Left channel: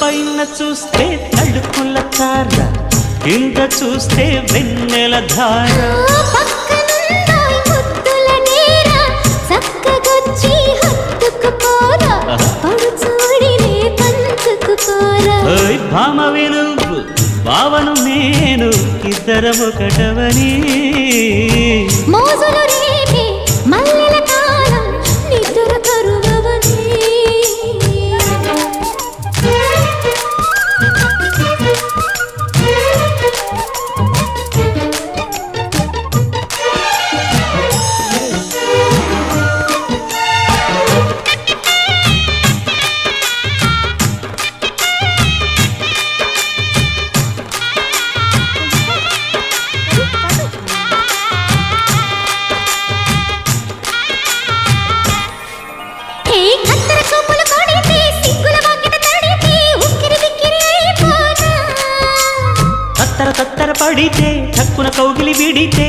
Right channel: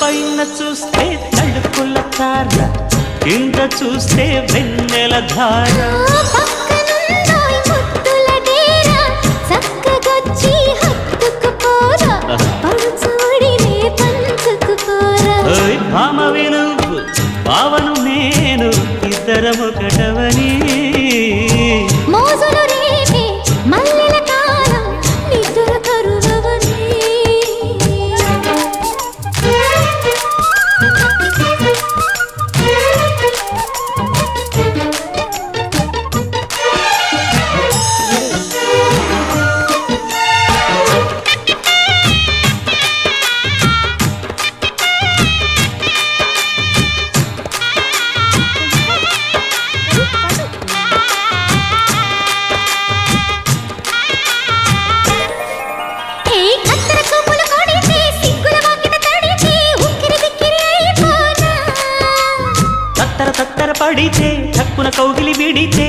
పైన చూస్తే తడుకుల తార, కింద చూస్తే వెన్నెల ధార. పక్కనుందోయ్ ముద్దుల డేరా, చక్కగొచ్చి హత్తుకుపోరా, పడుచూడినే పంచుకుపోరా. భామ విలువు భావను నేను, ఇద్దరమొకటవని. మోజులు రేపే మల్లెల కాలం, నిద్ర కరువవని. తత్తర తత్తర పడితే, చక్కున కౌగిలి విడితే